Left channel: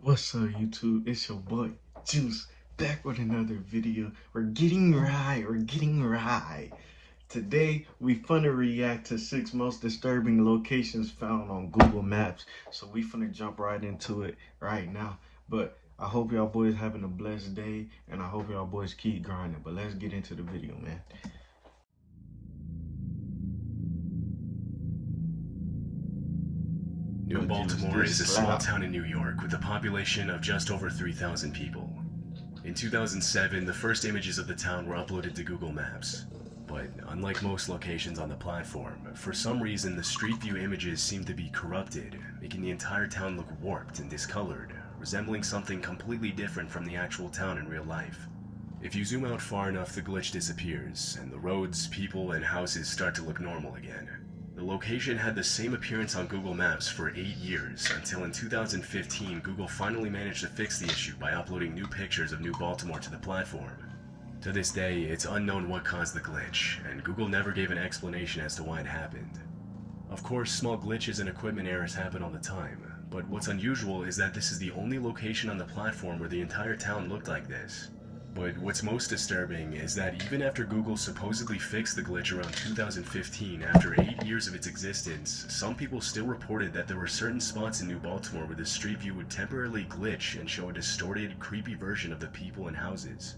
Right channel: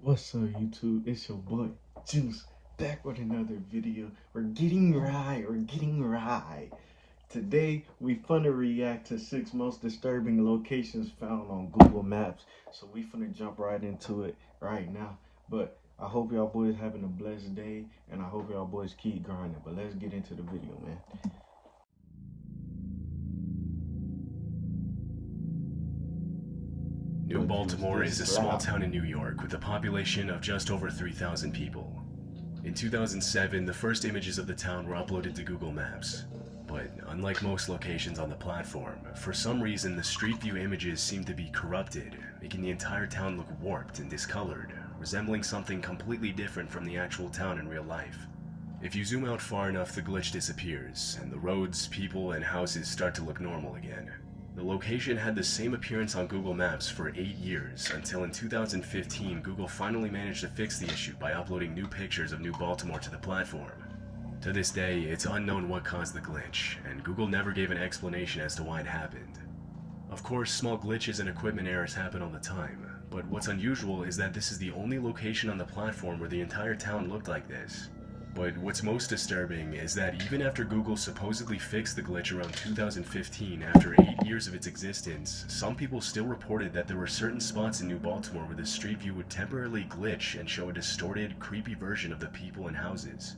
What's up, YouTube? It's your boy Juice back with another video. We're getting right. Today we finna react to 6 most disturbing locations found on Google Maps. So we finna jump right into it right now. But I hope y'all boys having a blessed day, and I hope y'all boys keep grinding. But let's get into the video, man. New Baltimore is a small town in New York with a population of just over 3,000 people. In 2007, the first images of the town were uploaded to Google Maps. But unlike most locations on the platform, for some reason the Street View images seem to be corrupted, making the entire town look warped and discolored, resembling something completely different from the actual town in real life. If you zoom out far enough, the glitch disappears, and the roads, people, and houses start to look normal again. The location had the same appearance on Google Maps for 8 years, until in 2015 Google finally managed to fix the issue by uploading new pictures of New Baltimore to the platform. To this day, it's unknown what caused the glitch, and Google never gave an explanation as to why it happened. Of course, small glitches and equipment errors happen all the time, but what's unusual is that this is the only location on the platform where the entire town looked like this. But what's most disturbing is that even after Google supposedly fixed the glitch around 2015, after 8 years of its existence, some people still reported that there were certain spots in New Baltimore where the Street View would temporarily glitch and show a distorted, creepy version of the people and houses.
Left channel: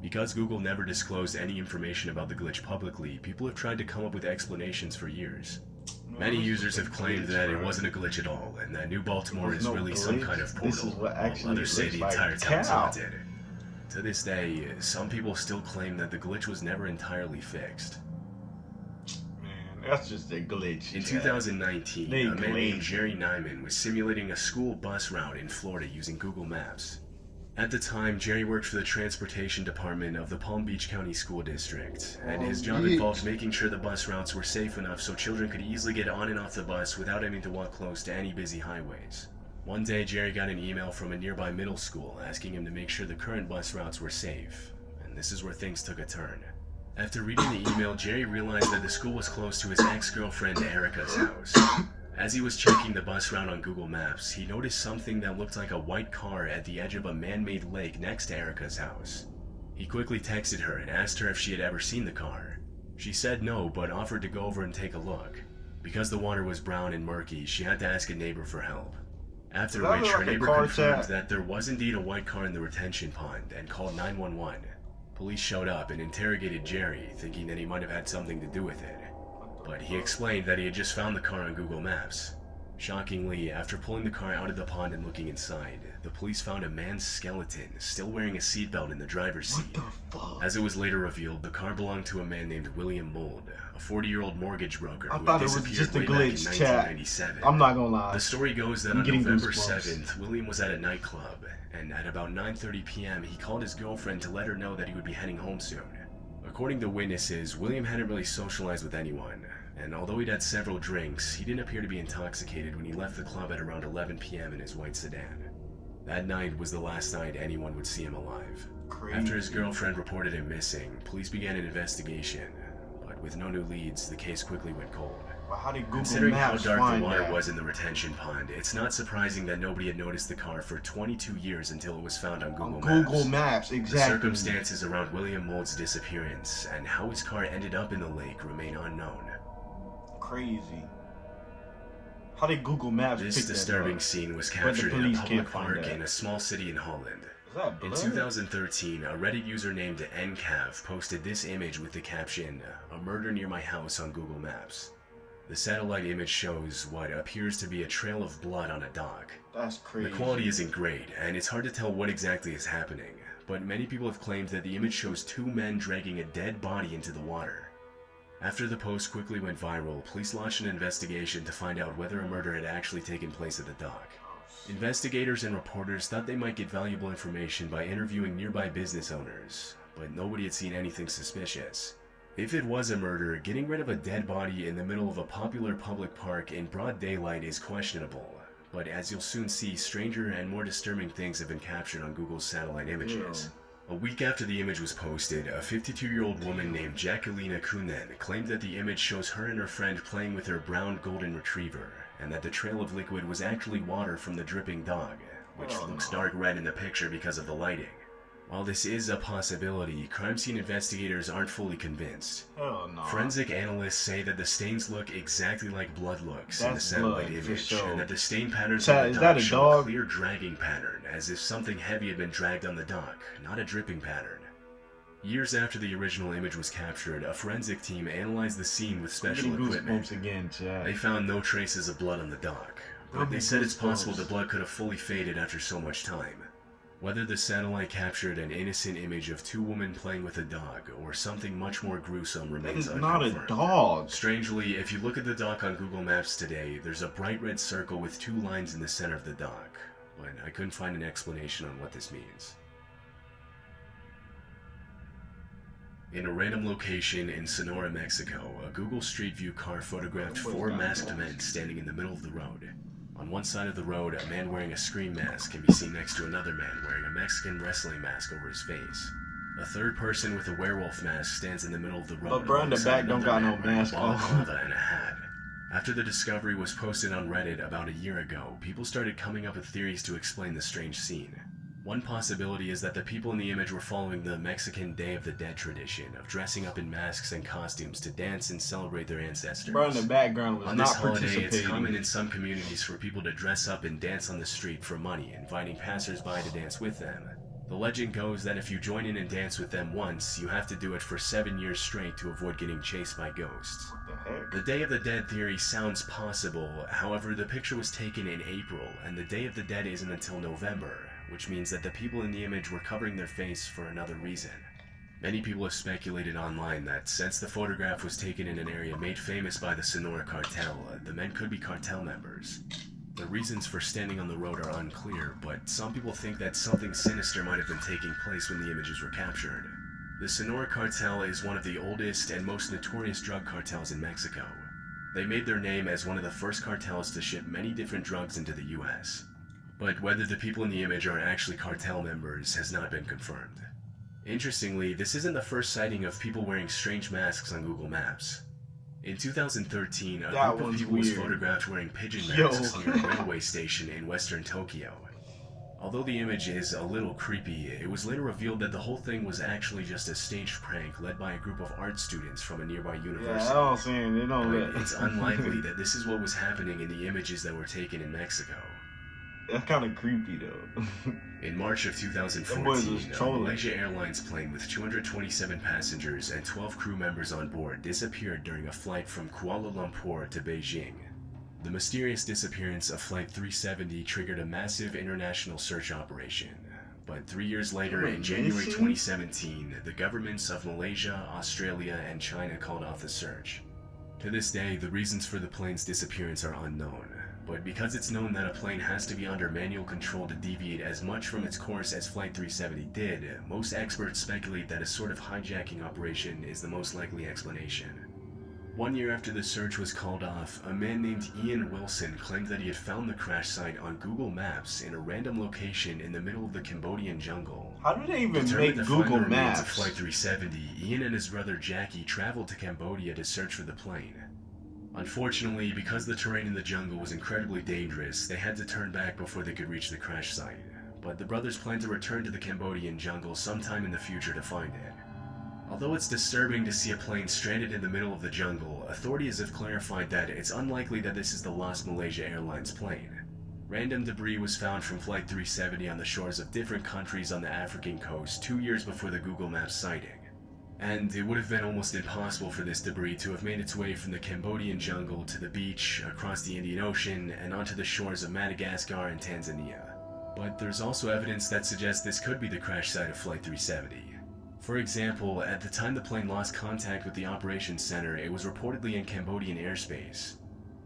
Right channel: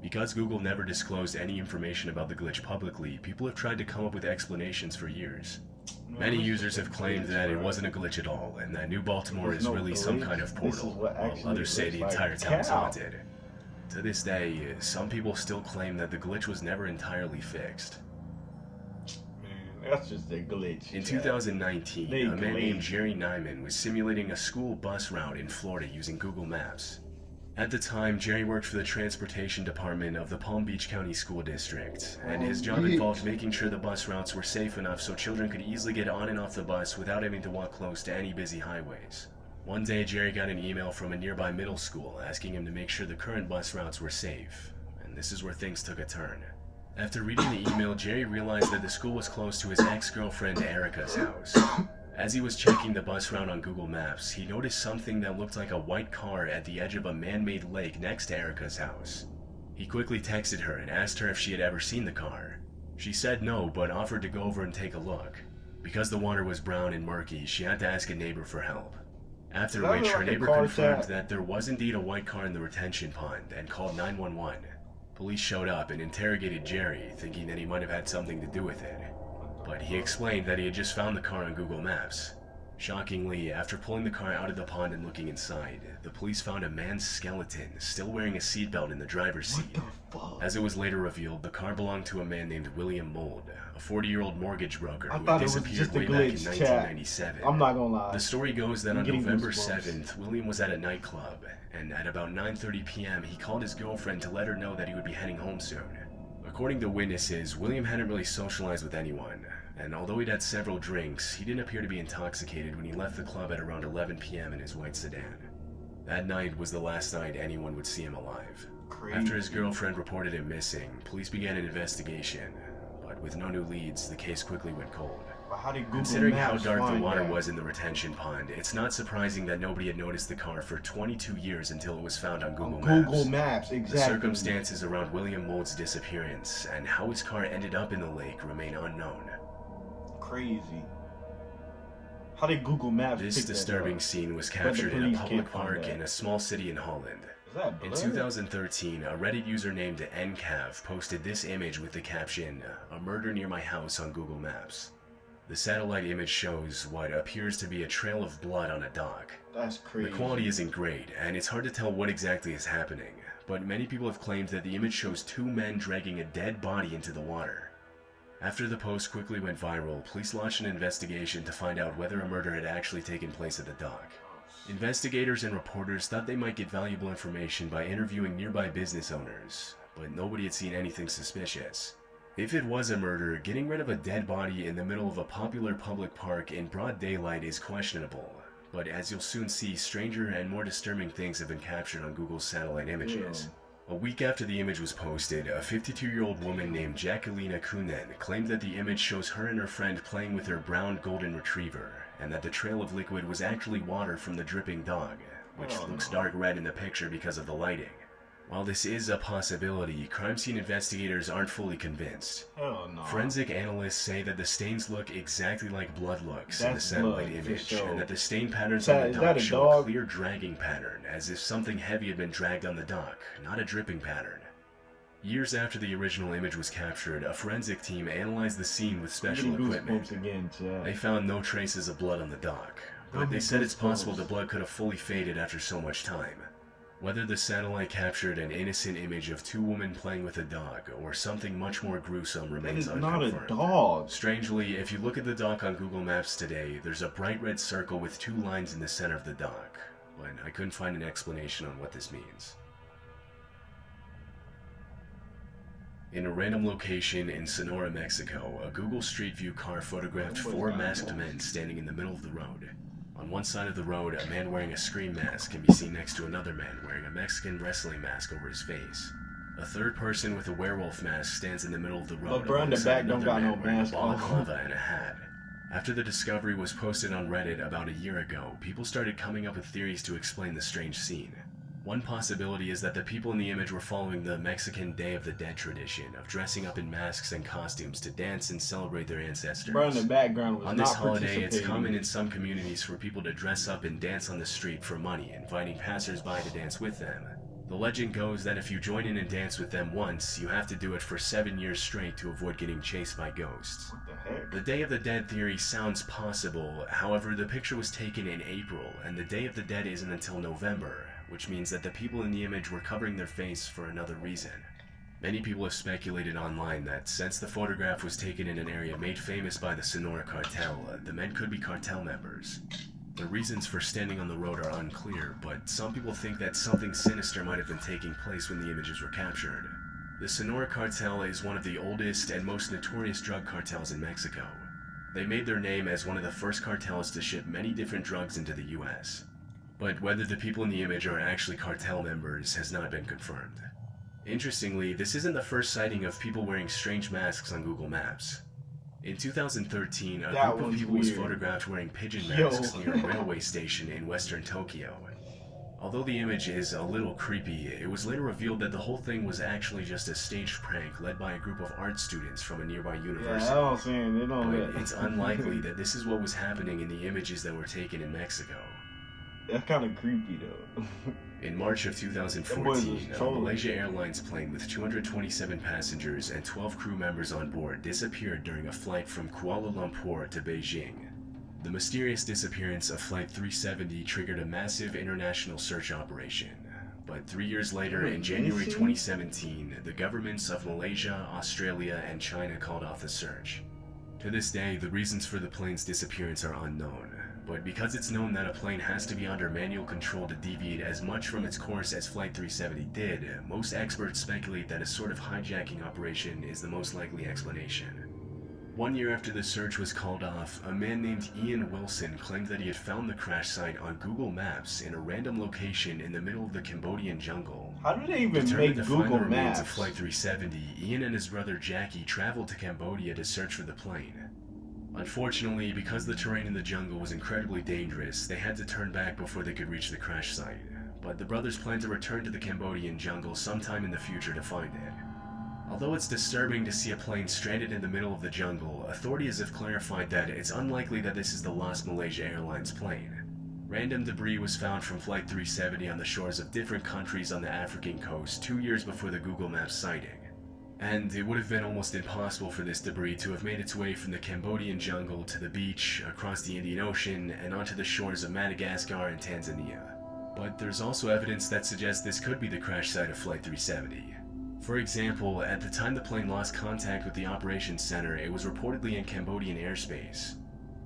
Because Google never disclosed any information about the glitch publicly, people have tried to come up with explanations for years. Many users have claimed that it wasn't a glitch at all, and that New Baltimore is really some kind of portal, while others say the entire town's haunted. To this day, some people still claim that the glitch was never entirely fixed. Man, that's just a glitch. In 2019, a man named Jerry Nyman was simulating a school bus route in Florida using Google Maps. At the time, Jerry worked for the transportation department of the Palm Beach County School District, and his job involved making sure the bus routes were safe enough so children could easily get on and off the bus without having to walk close to any busy highways. One day, Jerry got an email from a nearby middle school asking him to make sure the current bus routes were safe, and this is where things took a turn. After reading the email, Jerry realized that the school was close to his ex-girlfriend Erica's house. As he was checking the bus route on Google Maps, he noticed something that looked like a white car at the edge of a man-made lake next to Erica's house. He quickly texted her and asked her if she had ever seen the car. She said no, but offered to go over and take a look. Because the water was brown and murky, she had to ask a neighbor for help. After which, her neighbor confirmed that there was indeed a white car in the retention pond and called 911. Police showed up and interrogated Jerry, thinking that he might have had something to do with it. But he explained that he had just found the car on Google Maps. Shockingly, after pulling the car out of the pond and looking inside, the police found a man's skeleton still wearing a seatbelt in the driver's seat. As it was later revealed, the car belonged to a man named William Mould, a 40-year-old mortgage broker who had disappeared way back in 1997. I'm not gonna lie. The story goes that on November 7th, William was at a nightclub, and at about 9:30 p.m. he called his girlfriend to let her know that he would be heading home soon. According to witnesses, William hadn't really socialized with anyone, and although he'd had several drinks, he didn't appear to be intoxicated when he left the club at around 11 p.m. in his white sedan. That night was the last night anyone would see him alive. After his girlfriend reported him missing, police began an investigation, but with no new leads, the case quickly went cold. Considering how dark the water was in the retention pond, it's not surprising that nobody had noticed the car for 22 years until it was found on Google Maps. Google Maps, exactly. The circumstances around William Mould's disappearance and how his car ended up in the lake remain unknown. Crazy. How did Google Maps This disturbing scene was captured in a public park in a small city in Holland. In 2013, a Reddit user named NCav posted this image with the caption, "A murder near my house" on Google Maps. The satellite image shows what appears to be a trail of blood on a dock. That's crazy. The quality isn't great, and it's hard to tell what exactly is happening, but many people have claimed that the image shows two men dragging a dead body into the water. After the post quickly went viral, police launched an investigation to find out whether a murder had actually taken place at the dock. Investigators and reporters thought they might get valuable information by interviewing nearby business owners, but nobody had seen anything suspicious. If it was a murder, getting rid of a dead body in the middle of a popular public park in broad daylight is questionable, but as you'll soon see, stranger and more disturbing things have been captured on Google's satellite images. A week after the image was posted, a 52-year-old woman named Jacqueline Akunen claimed that the image shows her and her friend playing with her brown golden retriever, and that the trail of liquid was actually water from the dripping dog, which Oh, looks no. dark red in the picture because of the lighting. While this is a possibility, crime scene investigators aren't fully convinced. Hell no. Forensic analysts say that the stains look exactly like blood looks in the That's satellite blood, for image, sure. and that the stain patterns Is on that- the is dock that a show dog? a clear dragging pattern, as if something heavy had been dragged on the dock, not a dripping pattern. Years after the original image was captured, a forensic team analyzed the scene with special Getting equipment. goosebumps again, Chad. They found no traces of blood on the dock, That'll but be they said it's possible goosebumps. the blood could have fully faded after so much time. Whether the satellite captured an innocent image of two women playing with a dog, or something much more gruesome That remains is not a unconfirmed. dog. Strangely, if you look at the dock on Google Maps today, there's a bright red circle with two lines in the center of the dock, but I couldn't find an explanation on what this means. In a random location in Sonora, Mexico, a Google Street View car photographed four masked men standing in the middle of the road. On one side of the road, a man wearing a Scream mask can be seen next to another man wearing a Mexican wrestling mask over his face. A third person with a werewolf mask stands in the middle of the road. bro, in the alongside back don't another got man no wearing mask a ball of on. lava and a hat. After the discovery was posted on Reddit about a year ago, people started coming up with theories to explain the strange scene. One possibility is that the people in the image were following the Mexican Day of the Dead tradition of dressing up in masks and costumes to dance and celebrate their ancestors. Bro, in the background was On not this holiday, it's participating. common in some communities for people to dress up and dance on the street for money, inviting passersby to dance with them. The legend goes that if you join in and dance with them once, you have to do it for 7 years straight to avoid getting chased by ghosts. What the heck? The Day of the Dead theory sounds possible, however, the picture was taken in April, and the Day of the Dead isn't until November, which means that the people in the image were covering their face for another reason. Many people have speculated online that since the photograph was taken in an area made famous by the Sonora cartel, the men could be cartel members. The reasons for standing on the road are unclear, but some people think that something sinister might have been taking place when the images were captured. The Sonora cartel is one of the oldest and most notorious drug cartels in Mexico. They made their name as one of the first cartels to ship many different drugs into the US. But whether the people in the image are actually cartel members has not been confirmed. Interestingly, this isn't the first sighting of people wearing strange masks on Google Maps. In 2013, a That group of was people was weird. photographed wearing pigeon Yo. masks near a railway station in western Tokyo. Although the image is a little creepy, it was later revealed that the whole thing was actually just a staged prank led by a group of art students from a nearby Yeah, university. I don't see it. They don't But let. it's unlikely that this is what was happening in the images that were taken in Mexico. That's kind of creepy though. In March of That boy was 2014, a trolling. Malaysia Airlines plane with 227 passengers and 12 crew members on board disappeared during a flight from Kuala Lumpur to Beijing. The mysterious disappearance of Flight 370 triggered a massive international search operation. But 3 years later, in January 2017, the governments of Malaysia, Australia, and China called off the search. To this day, the reasons for the plane's disappearance are unknown. But because it's known that a plane has to be under manual control to deviate as much from its course as Flight 370 did, most experts speculate that a sort of hijacking operation is the most likely explanation. 1 year after the search was called off, a man named Ian Wilson claimed that he had found the crash site on Google Maps in a random location in the middle of the Cambodian jungle. How do they even Determined make to find the Google remains Maps? of Flight 370, Ian and his brother Jackie traveled to Cambodia to search for the plane. Unfortunately, because the terrain in the jungle was incredibly dangerous, they had to turn back before they could reach the crash site. But the brothers plan to return to the Cambodian jungle sometime in the future to find it. Although it's disturbing to see a plane stranded in the middle of the jungle, authorities have clarified that it's unlikely that this is the lost Malaysia Airlines plane. Random debris was found from Flight 370 on the shores of different countries on the African coast 2 years before the Google Maps sighting. And it would have been almost impossible for this debris to have made its way from the Cambodian jungle to the beach, across the Indian Ocean, and onto the shores of Madagascar and Tanzania. But there's also evidence that suggests this could be the crash site of Flight 370. For example, at the time the plane lost contact with the operations center, it was reportedly in Cambodian airspace.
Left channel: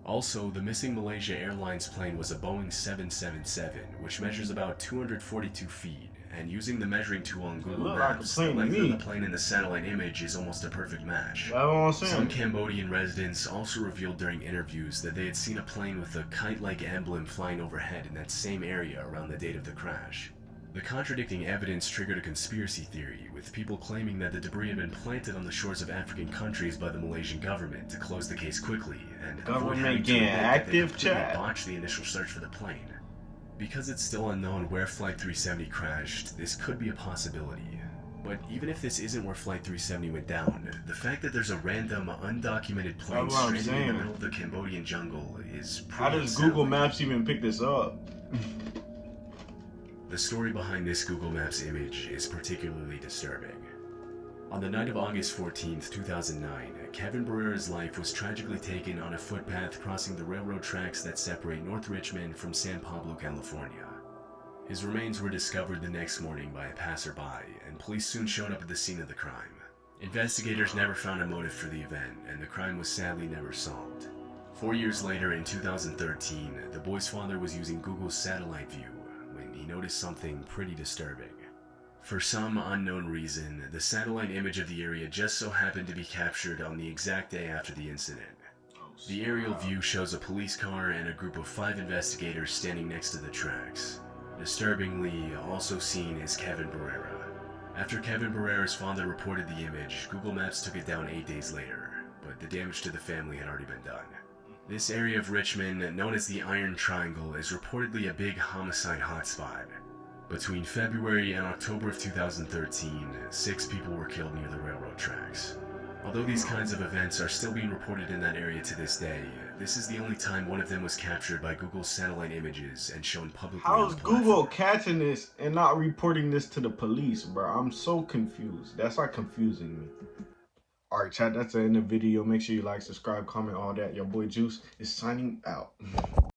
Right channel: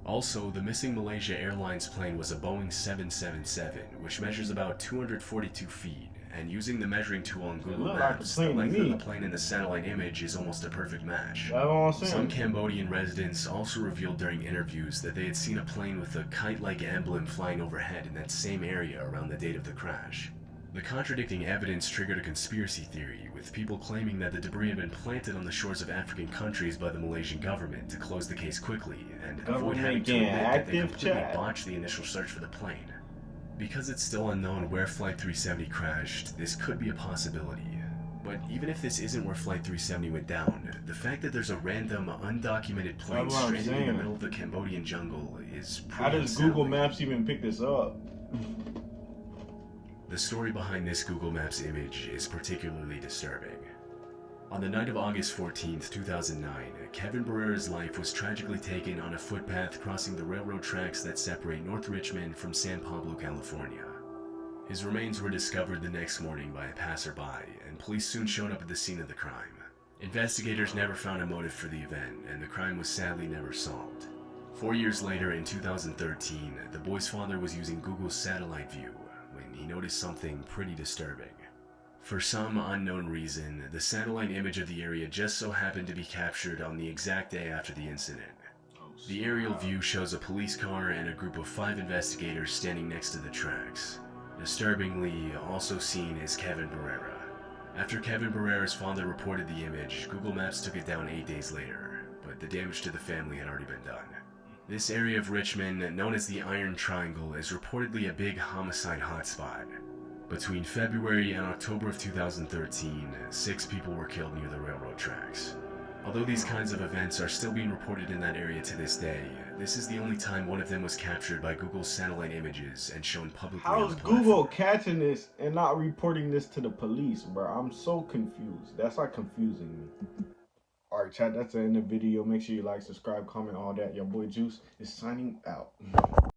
Also, the missing Malaysia Airlines plane was a Boeing 777, which measures about 242 feet, and using the measuring tool on Google looked like a Maps, the plane to length of me. the plane in the satellite image is almost a perfect match. That's what I'm Some saying. Cambodian residents also revealed during interviews that they had seen a plane with a kite-like emblem flying overhead in that same area around the date of the crash. The contradicting evidence triggered a conspiracy theory, with people claiming that the debris had been planted on the shores of African countries by the Malaysian government to close the case quickly and avoid Government having to getting admit that they active, completely Chad. botched the initial search for the plane. Because it's still unknown where Flight 370 crashed, this could be a possibility. But even if this isn't where Flight 370 went down, the fact that there's a random, undocumented plane stranded in the middle of the Cambodian jungle is pretty How does Google Maps even pick this up? The story behind this Google Maps image is particularly disturbing. On the night of August 14th, 2009, Kevin Barrera's life was tragically taken on a footpath crossing the railroad tracks that separate North Richmond from San Pablo, California. His remains were discovered the next morning by a passerby, and police soon showed up at the scene of the crime. Investigators never found a motive for the event, and the crime was sadly never solved. 4 years later, in 2013, the boy's father was using Google's satellite view when he noticed something pretty disturbing. For some unknown reason, the satellite image of the area just so happened to be captured on the exact day after the incident. The aerial view shows a police car and a group of 5 investigators standing next to the tracks. Disturbingly, also seen is Kevin Barrera. After Kevin Barrera's father reported the image, Google Maps took it down 8 days later, but the damage to the family had already been done. This area of Richmond, known as the Iron Triangle, is reportedly a big homicide hotspot. Between February and October of 2013, 6 people were killed near the railroad tracks. Although these kinds of events are still being reported in that area to this day, this is the only time one of them was captured by Google's satellite images and shown publicly. How is Google catching this and not reporting this to the police, bro? I'm so confused. That's like confusing me. Alright, chat, that's the end of the video. Make sure you like, subscribe, comment, all that. Your boy Juice is signing out.